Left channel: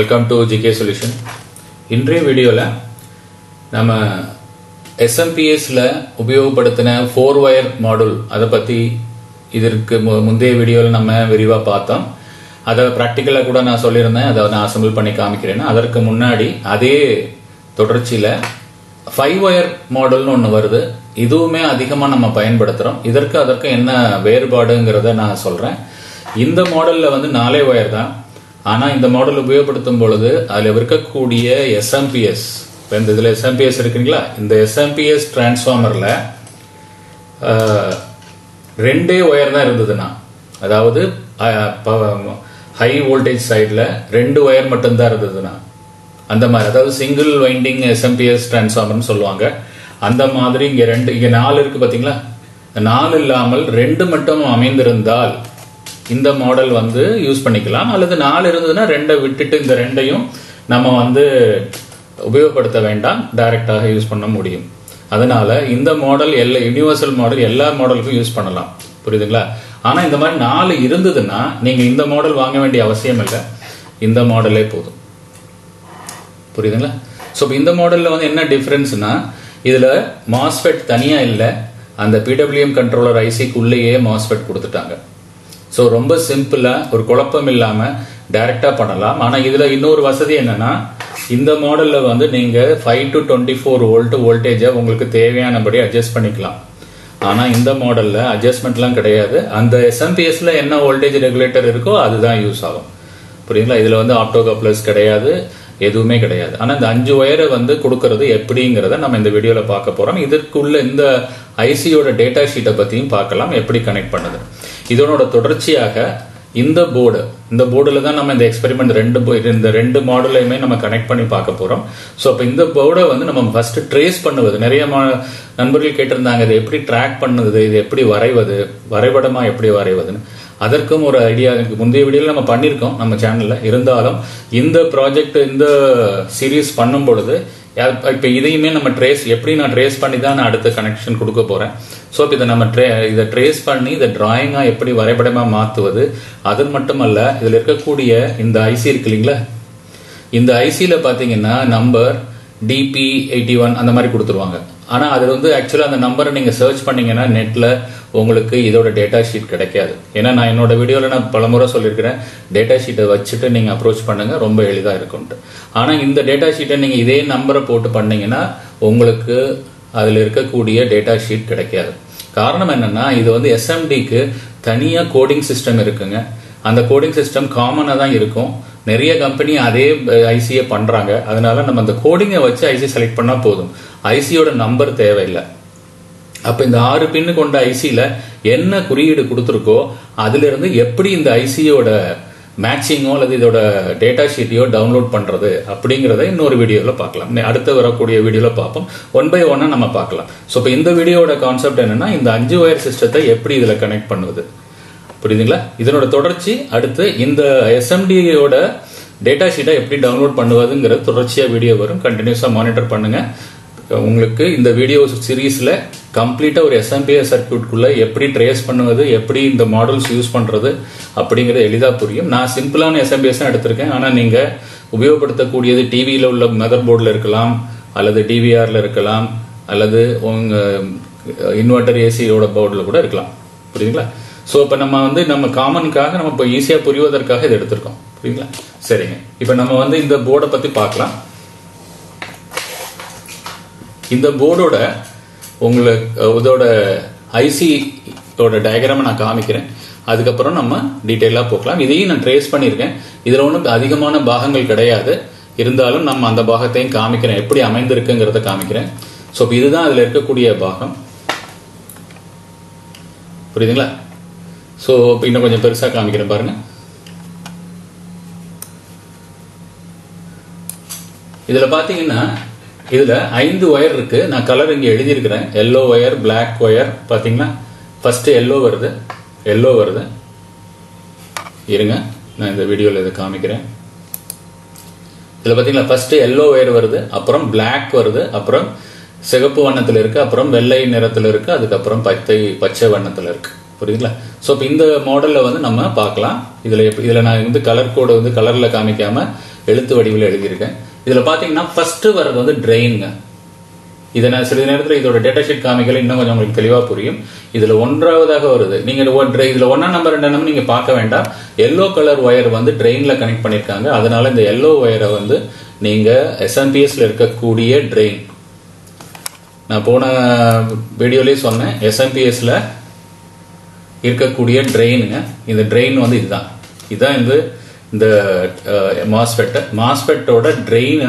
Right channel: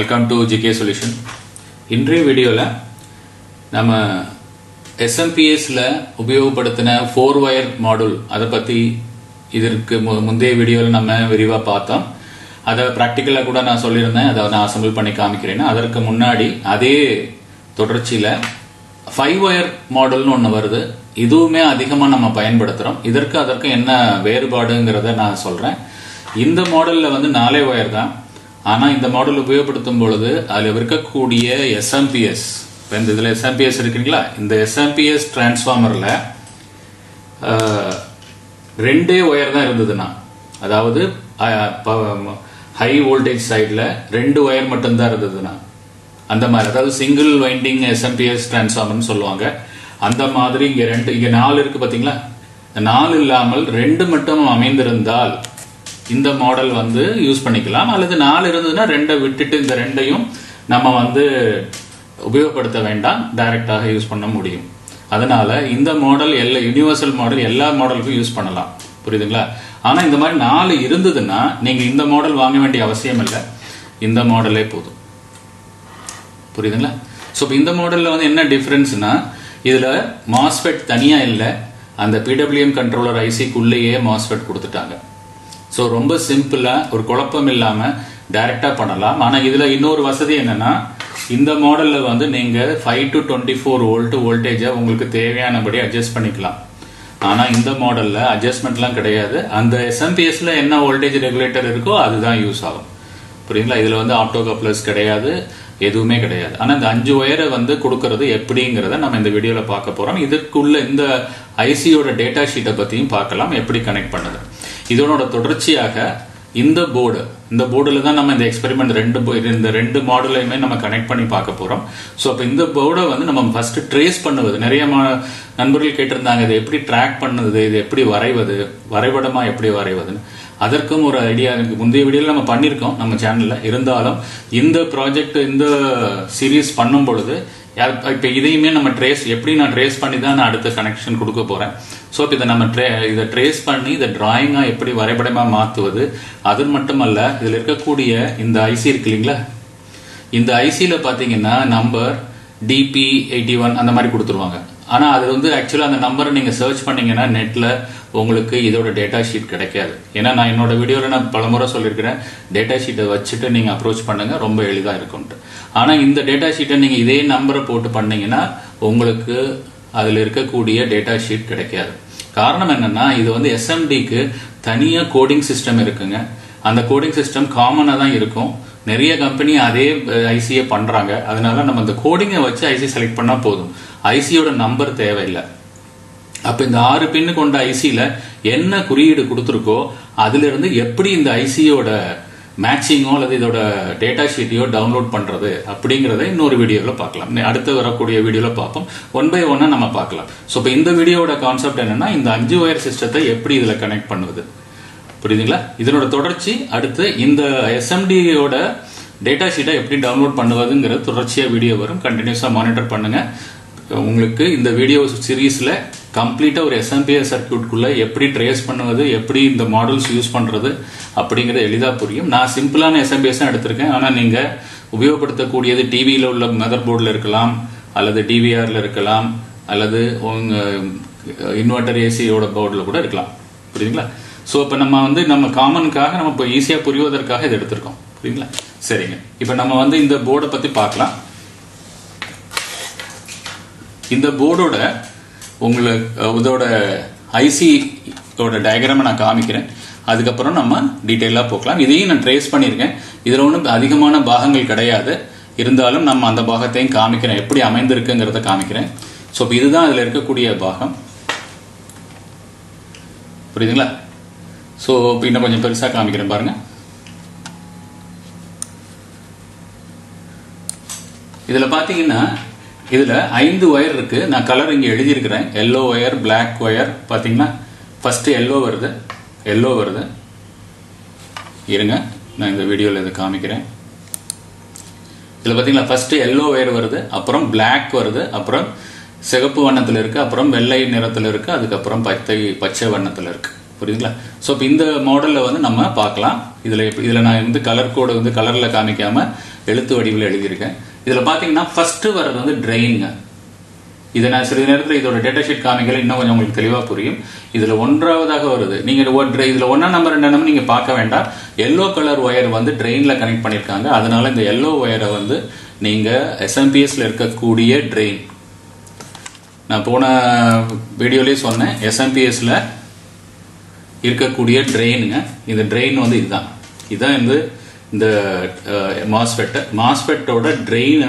Welcome to GK solution. இன்றைய வீடியோல நம்ம SMPSல உபயோகப்படுத்தின 4 wire மாடல் அதை பத்தி இதற்கு முந்தைய வீடியோல நம்ம விரிவா பார்த்தோம். அதை பிராக்டிக்கலா கூட நான் சொல்லியிருந்தேன், அதை நான் அசம்பிள் பண்ணி காமிக்கிறேன். அதற்கு முன்னாடி அதே தொடர்ச்சியில 5 wire மாடல்னு ஒன்று வருது. இதுவுமே அதிகமா நம்ம பயன்படுத்துறோம். அதற்கு என்ன வேறுபாடுங்கிறத நான் சொல்றேன். இந்த மாடல்ல 4 wire தான். ஆனா இந்த மாடல் உபயோகப்படுத்தும் பொழுது அதுல இருக்கக்கூடிய SMPS, இதுல SMPS இருக்குங்களா, இந்த SMPS டிரான்ஸ்பார்மர்ல 2 wire தான் இருந்ததுன்னா, அதாவது ஹை வோல்டேஜ் சைட்ல 2 wire மட்டும்தான் இருந்ததுன்னா, அந்த மாதிரி, அதாவது சிங்கிள் வைண்டிங் SMPS டிரான்ஸ்பார்மர்னு சொல்லுவாங்க. அந்த மாதிரி இங்க 4 இருக்கு பாத்தீங்களா, 4 இல்லாமல் 2 மட்டும் அமைந்திருந்தால் இந்த மாடல் யூஸ் பண்ணிக்கலாம். அல்லது 4 இருந்ததுன்னா 2 விட்டுட்டு இந்த 2ஐயும் நம்ம உபயோகப்படுத்த வேண்டாம், டைரக்டாக யூஸ் பண்ண முடியும். அதனால இந்த மாடல் யூனிவர்சல் மாடல் எல்லா மாடலுக்கும் யூஸ் பண்ணலாம், புரியுதுங்களா? ஆனா இந்த மாதிரி 4 இருந்ததுன்னா நீங்க இந்த மாடல் வாங்க வேண்டிய அவசியம் இல்லை, இந்த மாடலே போதும், புரியுதுங்களா? சோ இந்த மாடல்ல என்ன டிஃபரன்ஸ்னா, இதுல மாஸ்ஃபெட் தனியா இல்ல, அந்த PWM கண்ட்ரோலர் ஐசிக்குள்ளேயே மாஸ்ஃபெட் கொடுத்துட்டாங்க. சோ ரொம்ப சிம்பிளா, ஒரு குழப்பம் இல்லாம டைரக்டா பண்ணலாம். ஆனா இதுல இன்னொரு வசதி என்னன்னா, இந்த மாடல்ல நீங்க 5 to 24 வோல்ட் வோல்டேஜ உங்களுக்கு தேவையானபடி அட்ஜஸ்ட் பண்ணிக்கலாம். ஆனா இந்த மாடல்ல அட்ஜஸ்ட்மெண்ட் எல்லாம் கிடையாது. அந்த SMPSல என்ன வோல்டேஜ் ரெகுலேட்டர் இருக்கோ அதுதான் யூஸ் ஆகும், புரியுங்களா? இதுல ஆப்டோ கப்ளர்ஸ் கிடையாது, எதுவுமே கிடையாது. ஆனா இந்த 5 வயரை கொடுக்கறது எப்படிங்கறத நம்ம இந்த வீடியோல பார்க்க போறோம். இதற்குள்ள இந்த ஐசியோட டேட்டா ஷீட்டை பத்தியும் பார்க்கலாம், எப்படி கனெக்ட் பண்ணுது. இதனோட தொடர்ச்சியாக இந்த போர்டுல தான் நம்ம இந்த எக்ஸ்பெரிமெண்ட் இந்த 2 மாடலையுமே நம்ம கனெக்ட் பண்ணி பார்க்க போறோம். சோ அப்ப இந்த போர்டை நம்ம ஃபர்ஸ்ட் ட்ரேஸ் பண்ணுவது. நிறைய நண்பர்கள் கேட்டிருந்தாங்க, இதை எப்படி ட்ராக் பண்ணுவது, இது எப்படி வரைவது, வரைபடமா எப்படி வரைவதுன்னு. அதற்கும் ஒரு ஐடியா முந்தைய வீடியோல நம்ம பண்ணிருக்கோம் நம்ம சேனல்ல. இருந்தாலும் இந்த ப்ராஜெக்ட், இந்த சீரீஸ் பண்ணும் பொழுது இப்ப இதையுமே நம்ம எப்படி நான் ட்ரேஸ் பண்ணி தான் நான் அடுத்த கனெக்ஷன் கொடுக்க போறேன். சோ இதை நம்ம இதை ட்ரேஸ் பண்ணி இதை டிராயிங்கா எப்படி வரைபடமா மாத்துவது, அது மட்டுமல்ல, இதுல இருக்கக்கூடிய இந்த ஐசி இருக்கு இல்லைங்களா, இந்த ஐசியில பாத்தீங்கன்னா நம்பர் DP81 அந்த மாதிரி கொடுத்துருவாங்க. ஆனா அது ஆக்சுவலா அந்த நம்பரை நீங்க சர்ச் பண்ணீங்கன்னா நெட்ல உங்களுக்கு இதோட டேட்டா ஷீட் கிடைக்காது. ஏன்னா நான் என்னோட வீடியோல நான் பலமுறை சொல்லியிருக்கிறேன், டேட்டா ஷீட்டை வச்சுட்டு நீங்க அப்ரோச் பண்ணுங்க, ரொம்ப எளிதா இருக்கும். ஆனா இந்த டேட்டா ஷீட்டை நீங்க இதே நம்பரை போட்டு பண்ணீங்கன்னா உங்களுக்கு அதுல இருக்கக்கூடிய டேட்டா ஷீட் கிடைக்காது. காரணம் என்னன்னா, இது SMDக்கு தனியா கோடிங் சிஸ்டம் இருக்குங்க. அந்த கோடிங் சிஸ்டம் காமனா தான் இருக்கும். நிறைய கம்பெனி அதே ஐசியை பண்றாங்க. அதனால நம்ம அந்த கோடிங்கை வச்சு ஐசி செலக்ட் பண்ணா போதும், ஐசியோட நம்பர் தேவையில்லை. அப்ப இந்த 6 பின்னு கொண்ட ஐசியில என்ன குறியீடு கொடுத்திருக்கோ அதுல இருந்து எப்படி இந்த ஐசியோட மேட்சிங்கோ அல்லது இதோட டேட்டா ஷீட்டையோ டவுன்லோட் பண்றது அப்படிங்கறத இன்னொரு வீடியோல பார்க்கலாம். அடுத்து வரக்கூடிய வீடியோல பார்ப்போம். 1 by 1 நம்ம பார்க்கலாம். சோ இப்ப இந்த வீடியோட கான்செப்ட் என்னன்னா, இந்த 5 வயர் சிஸ்டத்தை எப்படி இதுல கனெக்ட் பண்ணுவது, புரியுதுங்களா? இதனோட தொடர்ச்சி அடுத்து இந்த SMDயோட டேட்டா ஷீட்டை எப்படி டவுன்லோட் பண்ணுவதுங்கிற தொடர்ச்சியா வீடியோ வரும். கண்டினியூஸா மானிட்டர் பண்ணுங்க. உங்களுக்கு இந்த வீடியோ சீரீஸ்ல கம்ப்ளீட்டா ஒரு SMPS சர்க்யூட்குள்ள எப்படி ட்ரேஸ் பண்ணுவது, எப்படி இந்த மாடல்ஸ் யூஸ் பண்றது அப்படிங்கறது எளிதா புரியும். நான் சிம்பிளான SMPS தான் எடுத்திருக்கேன். ஆனா நீங்க உபயோகப்படுத்தக்கூடியது டிவியில உள்ள மதர் போர்டுல இருக்கலாம், அல்லது DVRல இருக்கலாம், அல்லது உங்க இன்வெர்டர் ஏசியோட போர்டுல கூட இருக்கலாம், புரியுதுங்களா? சோ இப்ப நம்ம காமனுக்காக நம்ம இப்ப ஈஸியா புரிவதற்காக இதை எடுத்திருக்கோம், புரியுங்களா? சரிங்க, இப்ப நம்ம இந்த போர்டை பத்தி பார்க்கலாம். இந்த போர்டோட இதோட ஐசியோட டயக்ராம் நான் காமிக்கிறேன். அதுக்கப்புறம் நம்ம டீடைலா போகலாம். இதையும் நான் ட்ரேஸ் பண்ணிருக்கேன். இதுல ஒன்றும் அதிகமான பாகங்கள் கிடையாது. இருந்தாலும் நம்ம அந்த பாகத்தையும் காமிக்கிறேன், எப்படி அமைந்திருக்குங்கிறத காமிக்கிறேன். சோ இதுதான் அதுல இருக்கக்கூடிய பாகம், புரியுதுங்களா? சோ இன்னும் கொஞ்சம் பெருசா காமிக்கிறேன் பாருங்க. இதுல பாத்தீங்கன்னா இதுல 5 வயர் இருக்கு. நான் கலர் இங்க எழுதியிருக்கிறேன். Yellow wire, black wire. பாத்தீங்கன்னா ஃபர்ஸ்ட் எல்லோ வருது. இருங்க, நான் இந்த வீடியோல இதை காமிக்கிறேன். இதுல பாத்தீங்களா, ஃபர்ஸ்ட் எல்லோ வயர் வருது, அப்புறம் பிளாக் வருது, அப்புறம் சிகப்பு வண்ணத்துல இருக்கு, அப்புறம் வெள்ளை நிறத்துல இருக்கு, அதுக்கப்புறம் பச்சை வண்ணத்துல இருக்கு, புரியுதுங்களா? சோ இப்போ இந்த மாடல்ல வந்து நம்ம பார்க்கலாம். இதுல நான் வந்து கலர் கோடு வந்து கலர்ல காமிக்காம எழுத்து வடிவில் எழுதியிருக்கேன். இதுல பாத்தீங்கன்னா ஃபர்ஸ்ட் வர்றது வந்து ட்ரெயினுங்க. இதை நான் சிறிது நேரத்தில் இதோட டேட்டா ஷீட் காமிக்கல, இன்னும் கொஞ்சம் உங்களுக்கு தெளிவா புரியும். இதுல ஒன்றாவதாக வருது. நீங்க இதுல 1 நம்பர் 2 நம்பர் நீங்க பார்க்க வேண்டாம். எல்லோ கலர் ஒயர் வந்து ட்ரெயின்ல கனெக்ட் பண்ணிருக்காங்க. அதனால இந்த எல்லோ ஒயரை வந்து நீங்க SMPSல இருக்கக்கூடிய ட்ரெயின், நான் போன வீடியோலயே சொன்னேன், SMPSல இருக்கக்கூடிய ட்ரெயினுங்க. இந்த ட்ரெயின் வந்து இதுதான் இந்த மாஸ்பெட்டோட ட்ரெயின்.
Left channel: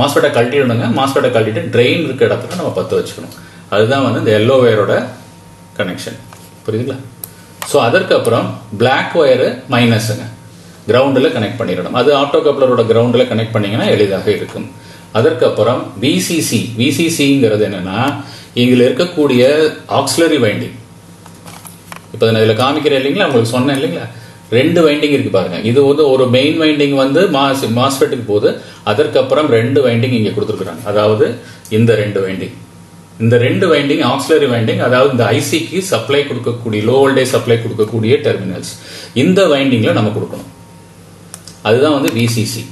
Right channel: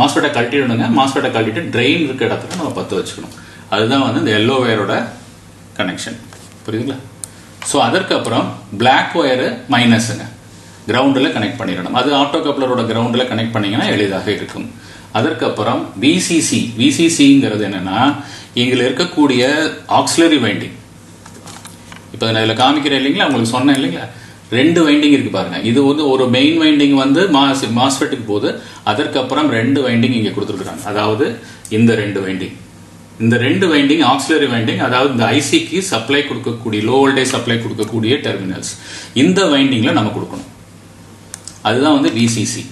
மாஸ்பெட்டை கழட்டிடணுங்க. மாஸ்பெட்டை கழட்டிட்டு ட்ரெயின் இருக்க இடத்துல நம்ம பத்த வச்சுக்கணும். அதுதான் வந்து இந்த எல்லோ ஒயரோட கனெக்ஷன். புரியுதுங்களா? ஸோ அதற்கப்புறம் பிளாக் ஒயரு மைனஸுங்க, கிரவுண்டில் கனெக்ட் பண்ணிடணும். அது ஆட்டோ கப்ளரோட கிரவுண்டில் கனெக்ட் பண்ணீங்கன்னா எளிதாக இருக்கும். அதற்கப்புறம் விசிசிங்கிறது என்னன்னா, இங்க இருக்கக்கூடிய ஆக்சிலரி வைண்டிங். இப்ப நான் இதுல காமிக்கிறேன் இல்லைங்களா, உங்களுக்கு சொன்னேன் இல்லைங்களா, 2 வைண்டிங் இருக்கு பாருங்க. இது வந்து ஒரு மெயின் வைண்டிங் வந்து மாஸ்பெட்டுக்கு போகுது. அதற்கப்புறம் 2 வைண்டிங் இங்க கொடுத்துருக்காங்க. அதாவது இந்த 2 வைண்டிங் ஆக்சிலரி வைண்டிங், அதாவது இந்த ஐசிக்கு சப்ளை கொடுக்கக்கூடிய, லோ வோல்டேஜ் சப்ளை கொடுக்கக்கூடிய டெர்மினல்ஸ், இந்த வைண்டிங்ல நம்ம கொடுக்கணும். அதுதான் வந்து விசிசி.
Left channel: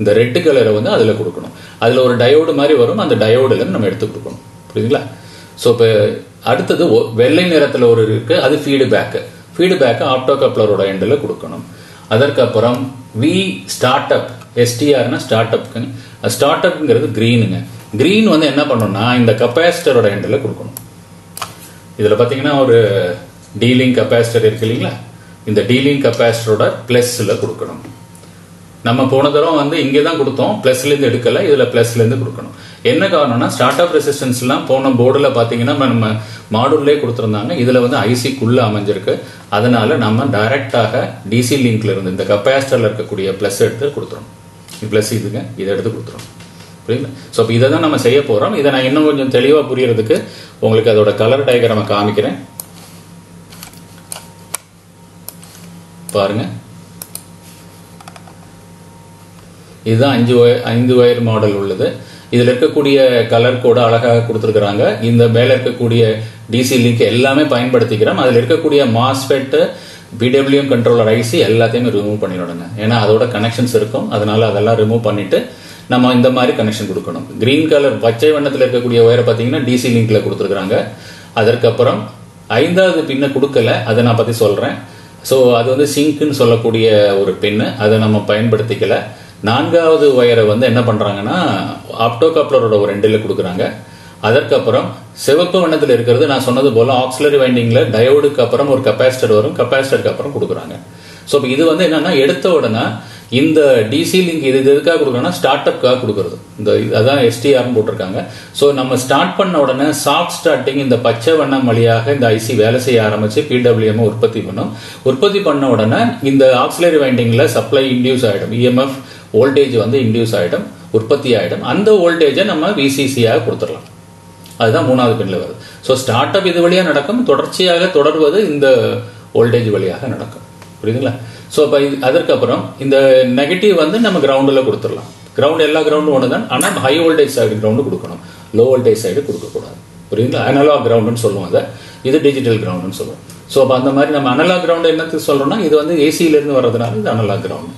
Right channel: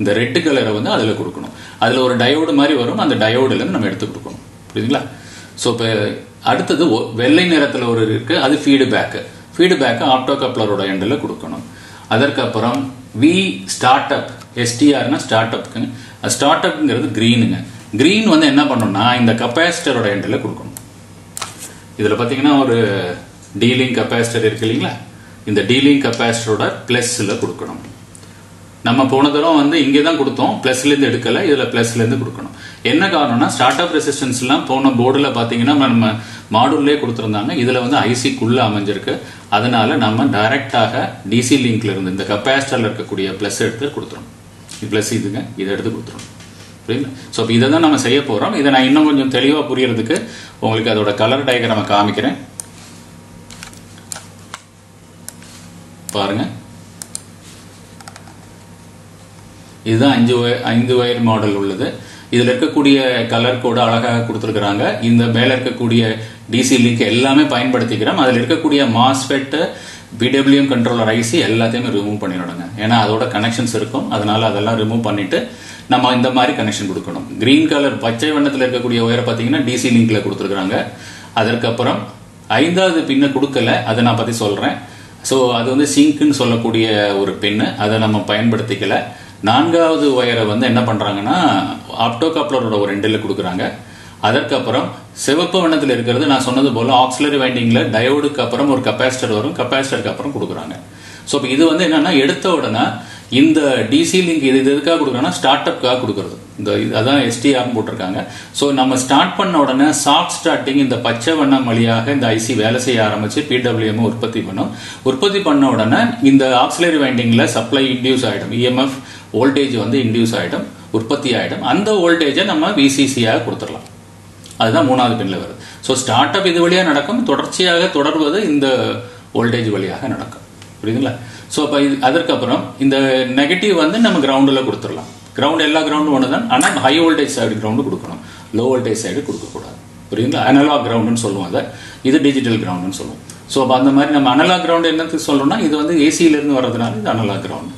இந்த ரெட் கலரை வந்து அதுல கொடுக்கணும். அதுல ஒரு டயோடு மாதிரி வரும். அந்த டயோடுல நம்ம எடுத்து கொடுக்கணும். புரியுதுங்களா? சோ இப்ப அடுத்தது வெள்ளை நிறத்துல ஒரு இருக்கு, அது ஃபீட்பேக் ஆப்டோ கப்ளரோட எண்ட்ல கொடுக்கணும். அதற்கப்புறம் வி ஸ்டார்ட் அப், எஸ்டிஆர்னா ஸ்டார்ட் அப்க்கு. ஸ்டார்ட் அப்ங்கிறது கிரீனுங்க. கிரீன் வந்து என்ன பண்ணணும்னா இந்த கெபாசிட்டரோட எண்ட்ல கொடுக்கணும். இதுல பாத்தீங்கன்னா ஒரு டீலிங் கெபாசிட்டர் இருக்கு இல்லைங்களா, இந்த டீலிங் கெபாசிட்டரோட பிளஸ்ல கொடுக்கணும். நம்ம போன தடவை வந்து இங்கே தான் கொடுத்தோம், பிளஸ்ல இருந்து எடுக்கல, இதுல பிளஸ்ல இருந்து கொடுக்கணும். என்ன காரணம்னா ஸ்டார்ட் அப் ரெசிஸ்டன்ஸ் எல்லாம் போன போர்டுல பாத்தீங்கன்னா நம்ம மாடுலே கொடுத்திருந்தாங்க. இதுல வந்து ஐசிக்குள்ள அமைஞ்சிருக்கு. அதனால நம்ம டைரக்டாக டிசி லிங்க்ல இருந்து இந்த கெபாசிட்டர்ல இருக்கக்கூடிய பிளஸ் எடுத்து கொடுத்துரும். பிளஸ் இதுங்க, இதை எடுத்து கொடுத்துரும். புரியுது? சோ இதை தான் நம்ம செய்ய போறோம். இதை நான் இன்னும் கொஞ்சம் தெளிவா புரியறதுக்கு உங்களுக்கு அதோட கலர் டயக்ராம் காமிக்கிறேன் பாருங்க. இதுதான் 5 ஒயர் மாடல் உள்ளது. இதுல இருக்கக்கூடிய கலர் கோட அழகாக கொடுத்திருக்கிறாங்க. இந்த மேல இருக்கக்கூடிய டிசி லிங்க் எல்லாமே பயன்படுத்திக்கிறோம். அதுல இருக்கக்கூடிய மாஸ்பெட், பிடபிள்யூஎம் கண்ட்ரோலர் ஐசி எல்லாத்தையுமே ரிமூவ் பண்ணிடுங்க. ஏன்னா அதோட கனெக்ஷன்ஸ் இருக்கும். அதனால அதெல்லாம் ரிமூவ் பண்ணிட்டு நம்ம இந்த மாதிரி கனெக்ஷன் கொடுக்கணும். கிரீன் கலர் பச்சை வண்ணத்தில் இருக்கக்கூடிய ஒயரை பாத்தீங்கன்னா டிசி லிங்க்ல கொடுத்திருக்காங்க. அதற்கப்புறம் 5வது பின்ன கொடுக்கல, அதை நான் பத்தி சொல்றேன். சோ அது வந்து சிங்க்னு சொல்லக்கூடிய ஒரு பின்னு, அதை நம்ம பயன்படுத்திக்கல. 4வது ஒயரை வந்து என்ன பண்றாங்கன்னா ஆப்டோ கப்ளரோட ஒரு எண்ட்ல கொடுக்குறாங்க. அதற்கப்புறம் சிவப்பு வண்ணத்தில் இருக்கிறது நான் சொன்னது போல ஆக்சிலரி வைண்டிங்ல டயோடுக்கு அப்புறம் ஒரு கெபாசிட்டர் வரும், கெபாசிட்டருக்கு அப்புறம் கொடுக்குறாங்க. சோ இது வந்து என்னன்னா எடுத்த உடனே இந்த டிசி லிங்க் இது எதுக்காக கொடுக்குறாங்கன்னா ஸ்டார்ட் அப்காக கொடுக்கறது. இந்த அதான் எஸ்டிஆர் போட்டிருக்காங்க. சோ நம்ம ஸ்டார்ட் பண்ண உடனே சாஃப்ட் ஸ்டார்டிங் இந்த பச்சை வண்ணம் வழியாக இந்த ஐசி வேலை செய்ய ஆரம்பிச்சு பிடபிள்யூஎம் உற்பத்தி பண்ணும். உற்பத்தி பண்ண உடனே இந்த ஆக்சிலரி வைண்டிங்ல சப்ளை இன்டியூஸ் ஆயிடும், இஎம்எஃப் வோல்டேஜ் வந்து இன்டியூஸ் ஆயிடும், உற்பத்தி ஆயிடும். அந்த வோல்டேஜை நம்ம விசிசியாக கொடுத்துடலாம். அதுதான் 3வது பின்ல வருது. சோ ஸ்டார்ட் அப் இது வழியா நடக்கும், தொடர்ச்சியாக தொடர்வது இந்த வோல்டேஜ் வழியாக நடக்கும். புரியுதுங்களா? சோ அப்ப அதற்கப்புறம் இந்த நெகட்டிவ் வந்து நம்ம கிரவுண்ட்ல கொடுத்துடலாம். கிரவுண்ட் எல்லா கிரவுண்டும் ஒண்ணுதான், ஆனா ஹை வோல்டேஜ் சைடு கிரவுண்ட் கொடுக்கணும், லோ வோல்டேஜ் சைடு கொடுக்க கூடாது. புரியுதுங்களா? அனலாக் கிரவுண்ட்னு சொல்லுவோம், அதை இது டிஜிட்டல் கிரவுண்ட்னு சொல்லுவோம். சோ அப்ப அந்த மாதிரி நம்ம அனலாக் கிரவுண்ட் என்னத்துக்கு சொல்றோம்னா இது வந்து ஏசியில இருந்து வர்றதுனால இது அனலாக் கிரவுண்ட்.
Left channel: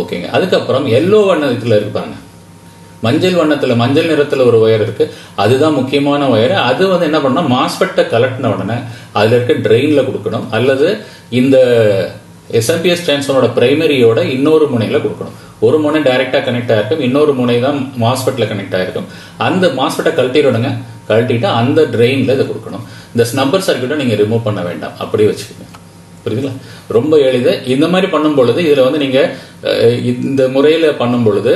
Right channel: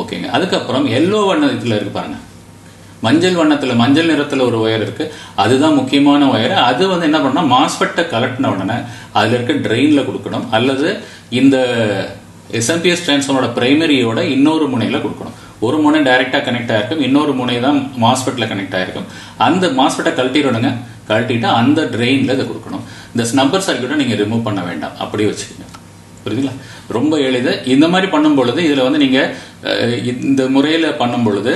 ஓகேங்க. அதுக்கப்புறம் எல்லோ வண்ணத்துல இருக்கு பாருங்க, மஞ்சள் நிறத்துல ஒரு ஒயர் இருக்கு, அதுதான் முக்கியமான ஒயர். அது வந்து என்ன பண்ணா மாஸ்பெட்டை கலெக்டின உடனே அதுல இருக்க ட்ரெயின்ல கொடுக்கணும், அல்லது இந்த எஸ்எம்பிஎஸ் டிரான்ஸ்ஃபார்மரோட பிரைமரியோட இன்னொரு முனையில கொடுக்கணும். ஒரு முனை டைரக்டா கனெக்ட் ஆயிருக்கும், இன்னொரு முனை தான் மாஸ்பெட்ல கனெக்ட் ஆயிருக்கும். அந்த மாஸ்பெட்டை கழட்டிடுங்க, கழட்டிட்டு அந்த ட்ரெயின்ல இதை கொடுக்கணும். இந்த ஸ்னப்பர் சர்க்யூட்டை நீங்க ரிமூவ் பண்ண வேண்டாம், அப்படியே வச்சுக்கோங்க. புரியுதுங்களா? ரொம்ப எளிது. இந்த மாதிரி பண்ணும் பொழுது இதுல வந்து நீங்க இந்த முறையில பண்ணும் பொழுது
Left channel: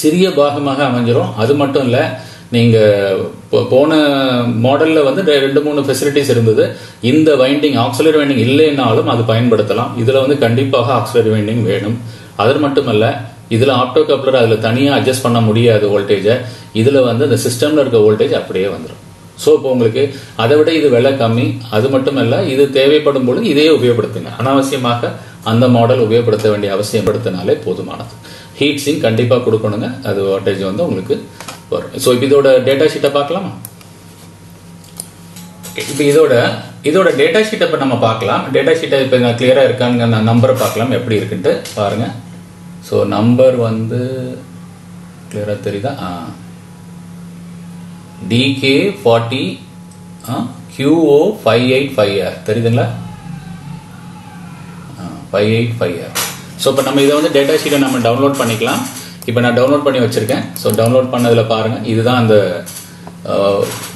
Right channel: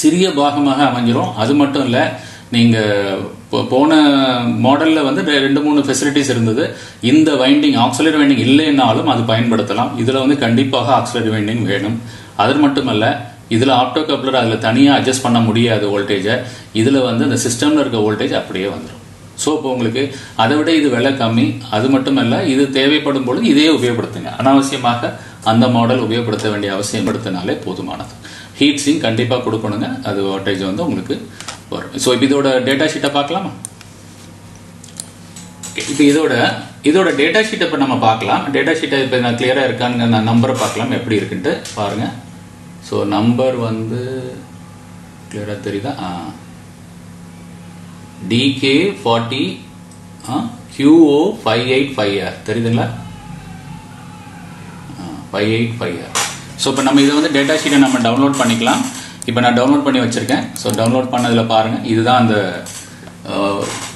சிறிய பாகமாக அமைஞ்சிரும். அது மட்டும் இல்ல, நீங்க போன மாடல்ல வந்து 2-3 ஃபெசிலிட்டிஸ் இருந்தது. இந்த வைண்டிங் ஆக்சிலரி வைண்டிங் இல்லைன்னாலும் அது பயன்படுத்தலாம். இதுல வந்து கண்டிப்பாக ஆக்சிலரி வைண்டிங் வேணும். அது மட்டுமல்ல, இதுல ஆப்டோ கப்ளர் அதுல தனியா அட்ஜஸ்ட் பண்ண முடியாது வோல்டேஜ. இதுல வந்து இந்த சிஸ்டம்ல இருக்க வோல்டேஜ் அப்படியே வந்துடும். சோ இப்போ உங்களுக்கு அதை விட இது விலை கம்மி. அது மட்டுமல்ல, இது தேவைப்படும் பொழுது இதே உபயோகப்படுத்துங்க. அனாவசியமாக அந்த மாடல் உபயோகப்படுத்த வேண்டிய அவசியம் படுத்தினாலே போதுமானது. ஹீட் சிங்க் கண்டிப்பா கொடுக்கணுங்க, அது வோல்டேஜ் வந்து உங்களுக்கு வரும். சோ இதோட டேட்டா ஷீட்டை பார்க்கலாமா? இப்போ இதோட டேட்டா ஷீட் இப்ப நம்ம பார்க்கலாம். டேட்டா ஷீட் இப்ப கிளியரா இருக்கான்னு நம்பரை பார்க்கலாம் எப்படி இருக்குன்ட்டு பாருங்க. ஸோ நம்பர் வந்து கிளியரா தெரியுதா? DK40 QO585R தெரியுதுங்களா? 585R. ஸோ இப்போ நம்ம இதை வந்து டேட்டா ஷீட்டை நம்ம டவுன்லோட் பண்ணிக்கலாம். இப்போ நான் டவுன்லோட் பண்ணி வச்சிருக்கேன். ஸோ டவுன்லோட் பண்ணதுல பாருங்க, இதுதான் அந்த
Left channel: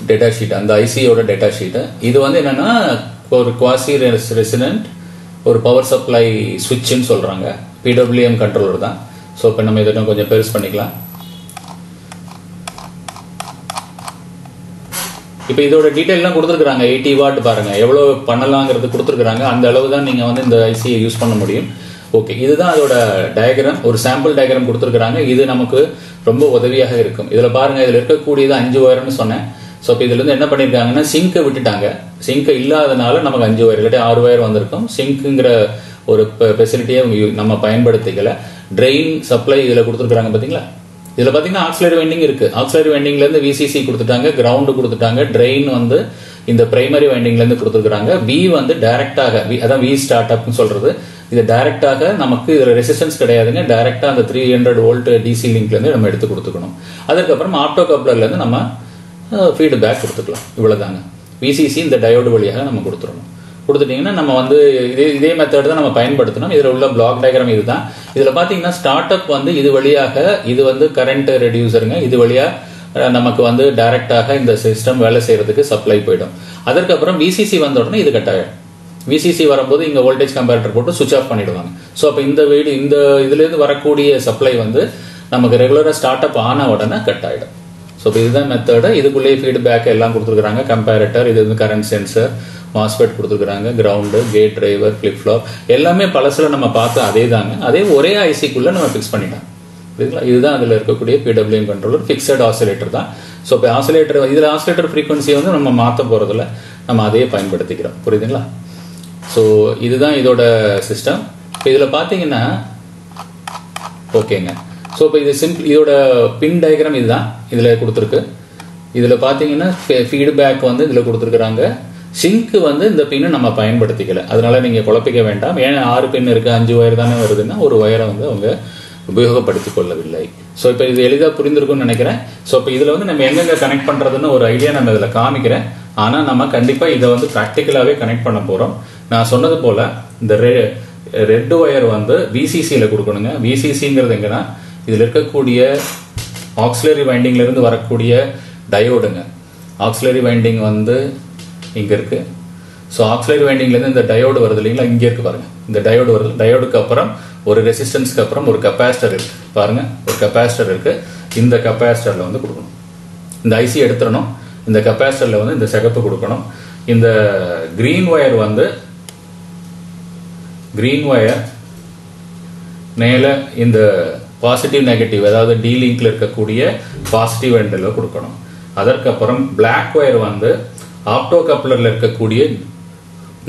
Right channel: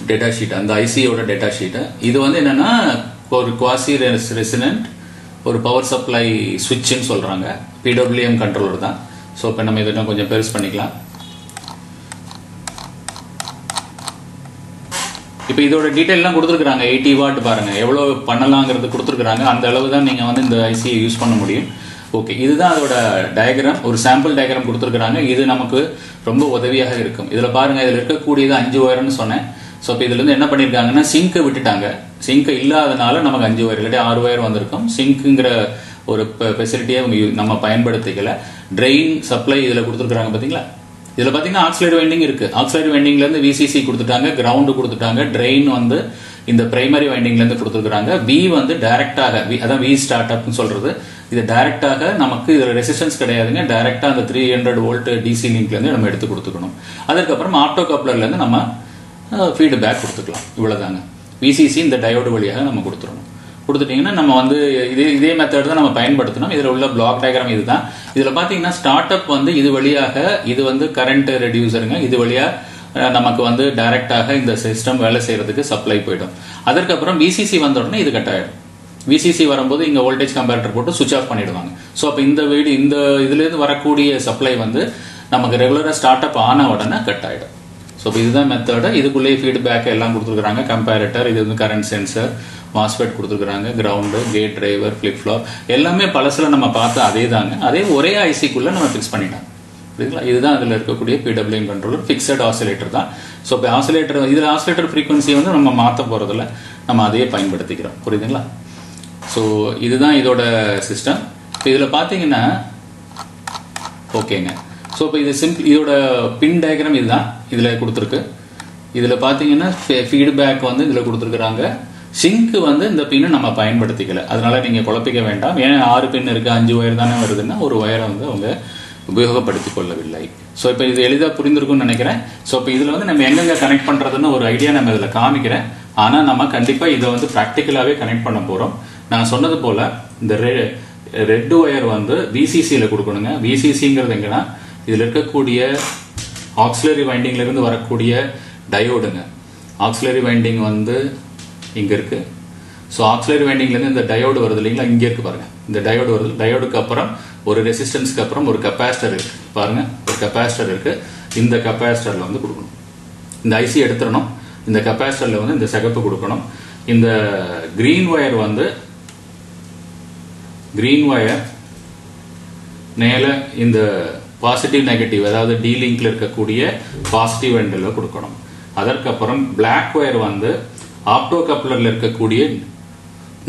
டேட்டா ஷீட், அந்த ஐசியோட டேட்டா ஷீட். இது வந்து என்னன்னா ஒரு குவாசி ரெசிடென்ட் ஒரு பவர் சப்ளை சுவிட்ச்னு சொல்றாங்க, PWM கண்ட்ரோலர் தான். ஸோ இப்போ நம்ம இதை கொஞ்சம் பெருசு பண்ணிக்கலாம். இப்போ இதோட டீடைல்லாம் கொடுத்துருக்காங்க. 80 வாட் பாருங்க எவ்வளவு பண்ணலாங்கிறது கொடுத்துருக்காங்க. அந்த அளவு தான் நீங்க வந்து இந்த ஐசியை யூஸ் பண்ண முடியும். ஓகே, இதுதான் அதோட டயக்ராம், ஒரு சாம்பிள் டயக்ராம் கொடுத்துருக்காங்க. இது நமக்கு ரொம்ப உதவியாக இருக்கும். இதுல பாருங்க, இதுல இருக்கக்கூடியது 5 ஒயர்னு சொன்னேன். ஸோ இப்போ இதுல இருந்து என்ன பண்ணிருக்காங்கன்னா சிங்கை விட்டுட்டாங்க. சிங்க் இல்லாதனால நமக்கு 5 ஒயர் இல்லாட்டி 6 ஒயர் வந்திருக்கும். சிங்க்குங்கிற ஒரு ஃபெசிலிட்டியை நம்ம பயன்படுத்திக்கல. ட்ரெயின் சப்ளை இதுல கொடுத்துருக்காங்க பாத்தீங்களா? இதுல பாத்தீங்கன்னா ஆக்சிலரி வைண்டிங் இருக்கு. ஆக்சிலரி வைண்டிங்ல இருந்து VCC கொடுத்துட்டாங்க, கிரவுண்ட் கொடுத்துட்டாங்க, ட்ரெயின் வந்து இந்த பிரைமரி வைண்டிங்ல இருந்து கொடுத்துருக்காங்க. V வந்து டைரக்டாக, அதான் V ஸ்டார்ட் அப்னு சொல்றது, இது டைரக்டாக நமக்கு இதுல ரெசிஸ்டன்ஸ் கிடையாதுங்க. டைரக்டா அந்த 300 வோல்ட் DC லிங்க்ல இருந்து நம்ம எடுத்து கொடுத்துக்கணும். அதுக்கப்புறம் ஆப்டோ கப்ளர்ல இருந்து நம்ம ஃபீட்பேக் கொடுத்துக்கலாம். இவ்வளவுதாங்க. VCC இந்த டயோடு வழியாக நம்ம கொடுத்துடணும். கொடுத்துட்டீங்கன்னா நம்ம வந்து இதே மெத்தட் தான் நம்ம பயன்படுத்தணும். இதுல உள்ள பிளாக் டயக்ராம் இதுதான். இதுல பாத்தீங்கன்னா ஸ்டார்ட் அப் வந்து இது வழியாக, இது வந்து கரண்ட் ரெடியூசருங்க, இது வழியா நமக்கு வந்து டைரக்டாக இந்த சிஸ்டம் வேலை செய்யறதுக்கு சப்ளை போயிடும். அதற்கப்புறம் VCC வந்த உடனே இது கட் ஆயிடும். VCC வரும்போது இங்க வோல்டேஜ் கம்பேரட்டர் போட்டு சுவிட்ச் ஆஃப் பண்ணிடுவாங்க. சோ அப்ப இந்த இதுல இருந்து வரக்கூடிய சப்ளை வந்து நமக்கு ரெகுலரா ஸ்டார்ட் அப் ஆன உடனே கட் ஆயிடும். சோ இதுதான் மெத்தட். இதுக்குள்ளே ஃபீட்பேக் எல்லாம் கொடுத்துருக்காங்க. கம்பேரட்டர், இது வந்து கரண்ட் சென்சர், மாஸ்பெட் கொடுத்துருக்காங்க, ground, gate driver, flip flop எல்லாமே பழசுல நம்ம பார்த்து அதே தாங்க. அதே ஒரே ஐசிக்குள்ள நம்ம பிக்ஸ் பண்ணிட்டோம். இதுதான் அதுல இருக்கக்கூடிய PWM கண்ட்ரோலர், பிக்சட் ஆசிலேட்டர் தான். சோ இப்போ ஆசிலேட்டர், இதுல ஆசிலேட்டர் ஃப்ரீக்வன்சியை வந்து நம்ம மாத்த போறதில்ல, நம்ம அதையே பயன்படுத்திக்கிறோம். புரியுதுங்களா? சோ இதுதான் இதோட சிஸ்டம். இப்போ இதுல பாத்தீங்கன்னா ஓகேங்க. சோ இப்போ இது சிம்பிள், இதோட பின் டயக்ராம் இதுதான் இதுல கொடுத்துருக்கு. இதுல பாத்தீங்கன்னா ஃபீட்பேக் வந்து இதுல கொடுத்துருக்காங்க. சிங்க் வந்து இந்த பின்னு நம்ம பயன்படுத்திக்கல, அதனால நீங்க குழப்பிக்க வேண்டாம். ஏன் 6 பின் இருக்கு, 5 ஒயர் தானே வருதுன்னா ஒரு ஒயரை வந்து அவங்க உபயோகப்படுத்திக் கொள்ளவில்லை. சோ இப்போ இது எளிதா புரிந்திருக்கும்னு நினைக்கிறேன். சோ இப்போ இதுல வந்து நம்ம எங்கெங்க கனெக்ட் பண்றதுன்னு ஒரு ஐடியா நம்ம இதுல காமிக்கிறேன். ஆனா நம்ம கண்டிப்பா இதை வந்து பிராக்டிகலாவே கனெக்ட் பண்ண போறோம். நான் சொன்னது போல இந்த ரெட் ஒயர் வந்து VCCல கொடுக்கணுங்க. VCCங்கிறது எங்கன்னா இதுல இருக்கக்கூடிய ஆக்சிலரி வைண்டிங்ல இருந்து வரக்கூடிய டயோடுங்க. ஆக்சிலரி வைண்டிங் வந்து இங்க இருக்கு. சோ ஆக்சிலரி வைண்டிங்ல இருந்து இந்த டயோடு வருது இல்லைங்களா, இங்க இருக்கு பாருங்க, இந்த டயோடு வருது. டயோடுக்கு அப்புறம் ஒரு ரெசிஸ்டன்ஸ்க்கு அப்புறம் ஒரு கெபாசிட்டர் இருக்கு பாருங்க, ஒரு கெபாசிட்டர் இருக்கு. இந்த கெபாசிட்டர்ல வந்து கொடுக்கணும். இந்த ஐசி எடுத்துடணும். இந்த கெபாசிட்டர்ல வந்து இந்த சிகப்பு கொடுக்கணும். இந்த கிரீன் ஒயர் வந்து மேல இந்த பாசிட்டிவ் நெகட்டிவ், அதாவது டி லிங்க்ல இருக்கக்கூடிய பாசிட்டிவ் எண்ட்ல கொடுக்கணும். அதற்கப்புறம் பிளாக் ஒயர் வந்து ஆப்டோ கப்ளர்ல இருக்கக்கூடிய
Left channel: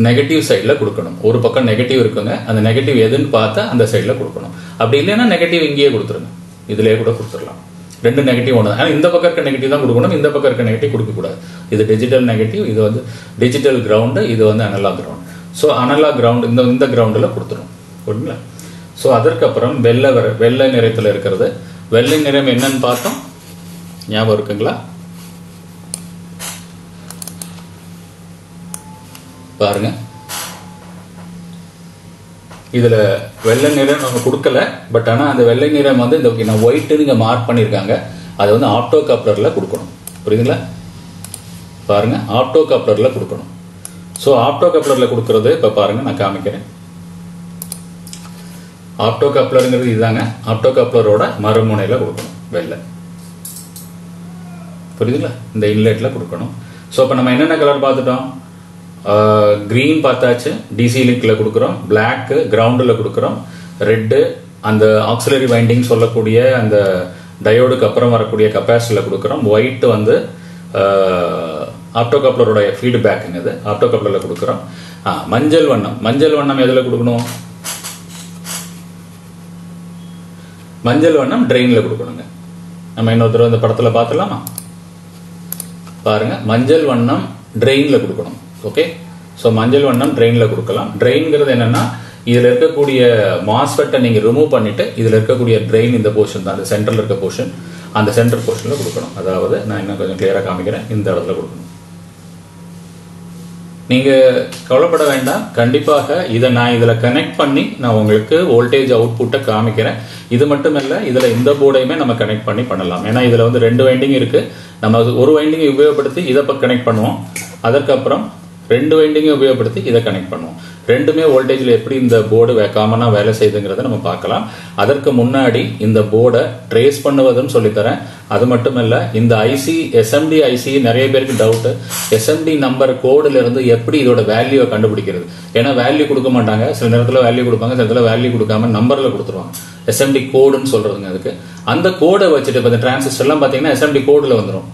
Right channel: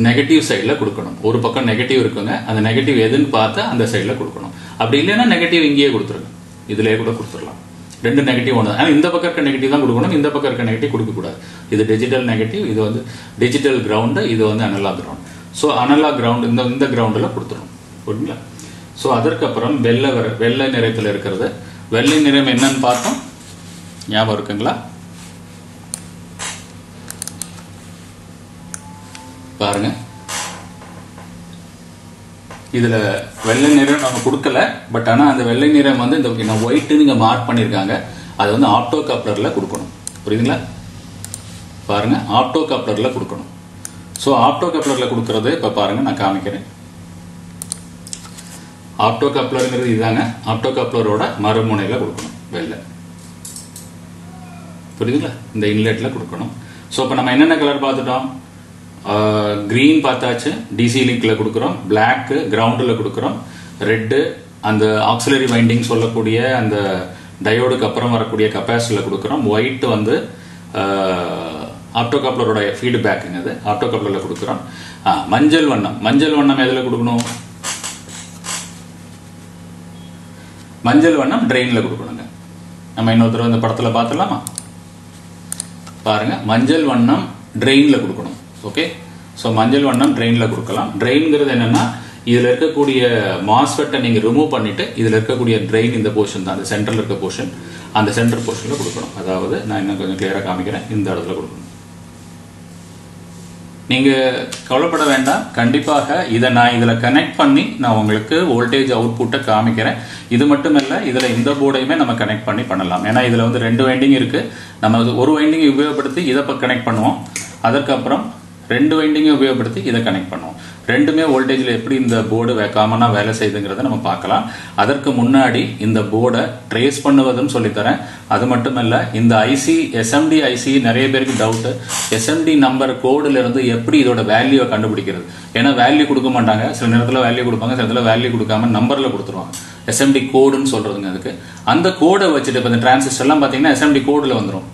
நெகட்டிவ் சைட்ல கொடுக்கணும். ஒரு பக்கம் நெகட்டிவ் இருக்குங்க, அந்த நெகட்டிவ் எதுன்னு பார்த்தா அந்த சைட்ல கொடுக்கணும். அப்படி இல்லைன்னா நெகட்டிவ் இங்கேயே கொடுத்துருங்க, இதுலயே கூட கொடுத்துடலாம். 2 நெகட்டிவ் ஒன்று. ஆனா இந்த பக்கம் இருக்க நெகட்டிவ் தான் கொடுக்கணும், இந்த பக்கம் இருக்க நெகட்டிவ் கொடுக்க கூடாது. இது டிஜிட்டல் நெகட்டிவ், இது வந்து டிஜிட்டல் கிரவுண்ட், இது வந்து analogue ground. So analogue ground இந்த கிரவுண்ட்ல கொடுத்துரும். புரியுங்களா? சோ அதற்கப்புறம் வெள்ளை நிறத்துல இருக்கிறது. வெள்ளை நிறம் என்னன்னு பார்த்தோம், ஞாபகம் இருக்குங்களா? பாருங்க, இதுல வெள்ளை நிறம் நம்ம கொடுக்கல, பட் ஆனா அந்த வெள்ளை நிறம் வந்து இந்த ஒயிட் நீங்க மார்க் பண்ணிருக்காங்க. அதை வந்து ஆப்டோ கப்ளர்ல கொடுக்கணும். புரியுதுங்களா? பாருங்க, ஆப்டோ கப்ளர்ல கொடுக்கணும். சோ ஆப்டோ கப்ளர்ல கொடுக்கறது இப்ப பாருங்க, நான் காமிக்கிறேன். ஆப்டோ கப்ளருங்கிறது இதுதாங்க. ஆப்டோ கப்ளரோட மறுமுனையில கொடுக்கணும் வெள்ளை. புரியுதுங்களா? இந்த இன்லெட்ல கொடுக்கணும். சோ இப்ப நம்ம என்னென்ன கலர் பார்த்துட்டோம்? கிரீன் பார்த்தாச்சு, டிசி லிங்க்ல கொடுக்கிறோம். பிளாக் கிரவுண்ட்ல கொடுக்கிறோம். ரெட் அந்த ஆக்சிலரி வைண்டிங் சொல்லக்கூடிய அந்த டயோடுக்கு அப்புறம் வரக்கூடிய கெபாசிட்டர்ல கொடுக்கிறோம். ஒயிட் வந்து ஆப்டோ கப்ளரோட ஃபீட்பேக், ஆப்டோ கப்ளர்ல கொடுக்கிறோம். மஞ்சள் வண்ணம் எதுல கொடுக்கணும்? மஞ்சள் வண்ணம் ட்ரெயின்ல கொடுக்கணுங்க. நம்ம இன்னொருத்தர் இந்த படத்துல பார்த்துலாமா? பாருங்க, மஞ்சள் வண்ணம் ட்ரெயின்ல கொடுக்கணும். ஓகே, ஸோ மஞ்சள் வண்ணம் ட்ரெயின்ல கொடுக்கலாம். ட்ரெயின்ங்கிறது என்னன்னா இதுல இருக்கக்கூடிய மாஸ்ஃபெட்டை நீங்க ரிமூவ் பண்ணிட்டு இதுல இருக்கக்கூடிய ட்ரெயின் இந்த போர்ஷன் தான், அந்த சென்டர்ல இருக்க போர்ஷன், அந்த சென்டர் போர்ஷன்ல கொடுக்கணும். அதாவது நான் இன்னும் கொஞ்சம் கிளியரா காமிக்கிறேன். இந்த இடத்துல கொடுக்கணும். நீங்க கவலைப்பட வேண்டாம். கண்டிப்பாக இதை நான் இதுல கனெக்ட் பண்ணி நான் உங்களுக்கு வோல்டேஜ் அவுட்புட்டை காமிக்கிறேன். இது மட்டும் இல்ல, இதுல இந்த போர்டையுமே நம்ம கனெக்ட் பண்ணி பண்ணலாம். ஏன்னா இதுல வந்து 2 வைண்டிங் இருக்கு. நம்ம ஒரு வைண்டிங் உபயோகப்படுத்தி இதை கனெக்ட் பண்ணுவோம். அதற்கப்புறம் 2 வைண்டிங்கை உபயோகப்படுத்தி இதை கனெக்ட் பண்ணுவோம். ரெண்டுமே வோல்டேஜ்ல எப்படி இந்த போர்டு காமனா வேலை செய்யுதுங்கிறத நம்ம பார்க்கலாம். அதற்கு முன்னாடி இந்த போர்டை ட்ரேஸ் பண்ணுவதுன்னு சொல்லித்தரேன். அது மட்டுமல்ல, இந்த ஐசி எஸ்எம்டி ஐசி நிறைய பேருக்கு டவுட், எஸ்எம்டி நம்பர் கோடுல இருந்து எப்படி இதோட வேல்யூவை கண்டுபிடிக்கிறது. ஏன்னா வேல்யூ கொடுக்க மாட்டாங்க, சில நேரத்துல வேல்யூ கொடுப்பாங்க, சில நேரத்துல வேல்யூ கொடுக்காம நம்பர்ல கொடுத்துருவாங்க. எஸ்எம்டி கோடுன்னு சொல்றதுங்க அதுக்கு. அந்த கோடை வச்சுட்டு இப்ப இந்த டிரான்சிஸ்டர் எல்லாம் பாத்தீங்கன்னா எஸ்எம்டி கோடுல வந்துடும்.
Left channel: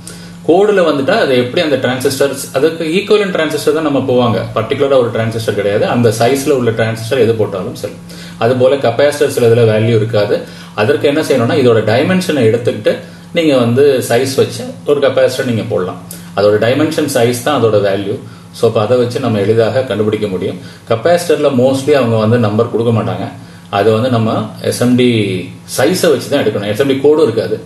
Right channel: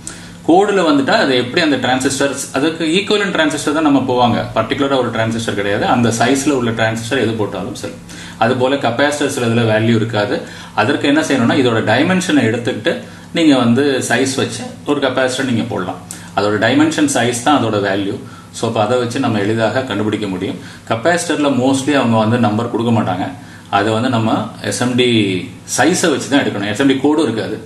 கோடுல வந்துட்டா அது எப்படி அந்த டிரான்சிஸ்டர், அதுக்கு ஈக்குவலன்ட் டிரான்சிஸ்டர் தான் நம்ம போவாங்க. பர்டிகுலரா ஒரு டிரான்சிஸ்டர் கிடையாது, அந்த சைஸ்ல உள்ள டிரான்சிஸ்டர் எது போட்டாலும் சரி. அது போல கெபாசிட்டர்ஸ்ல இதுல வேல்யூ இருக்காது. அதற்கு என்ன செய்யணும்னா இதோட டைமென்ஷனை எடுத்துக்கிட்டு நீங்க வந்து சைஸ் வச்சு ஒரு கெபாசிட்டர் நீங்க போடலாம். அதோட டைமென்ஷன் சைஸ் தான் அதோட வேல்யூ. ஸோ இப்போ அதை வச்சு நம்ம எளிதாக கண்டுபிடிக்க முடியும். கெபாசிட்டர்ல மோஸ்ட்லி அவங்க வந்து நம்பர் கொடுக்க மாட்டாங்க. அதை வந்து நம்ம எஸ்எம்டி சைஸை வச்சு தான் எடுக்கணும். எஸ்எம்டி கோடும் இருக்காது.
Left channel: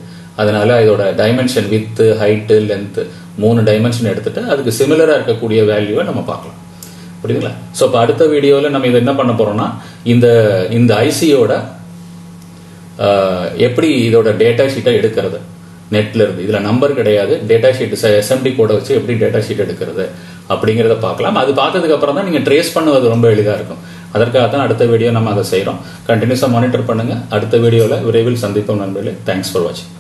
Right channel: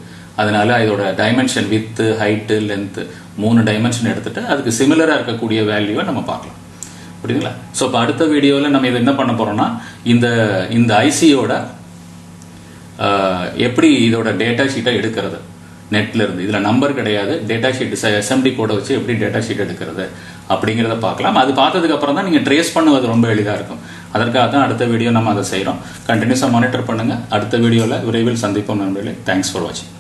அதனால இதோட dimension width, height, length 3 dimension எடுத்துட்டு அதுக்கு சிமிலரா இருக்கக்கூடிய வேல்யூவை நம்ம பார்க்கலாம். புரியுதுங்களா? ஸோ இப்போ அடுத்த வீடியோவில் நம்ம இதை என்ன பண்ண போறோம்னா இந்த ஐசியோட எப்படி இதோட டேட்டா ஷீட்டை எடுக்கிறது நெட்ல இருந்து. இதுல நம்பர் கிடையாது, டேட்டா ஷீட் எஸ்எம்டி கோட வச்சு எப்படி டேட்டா ஷீட் எடுக்கிறது அப்படிங்கறத பார்க்கலாம். அது பார்த்ததுக்கு அப்புறம் தான் நீங்க ட்ரேஸ் பண்ணுவது ரொம்ப எளிதா இருக்கும். அதற்காக தான் அடுத்த வீடியோ நம்ம அதை செய்யறோம். கண்டினியூஸா மானிட்டர் பண்ணுங்க. அடுத்த வீடியோல விரைவில் சந்திப்போம் நண்பர்களே. தேங்க்ஸ் ஃபார் வாட்சிங்.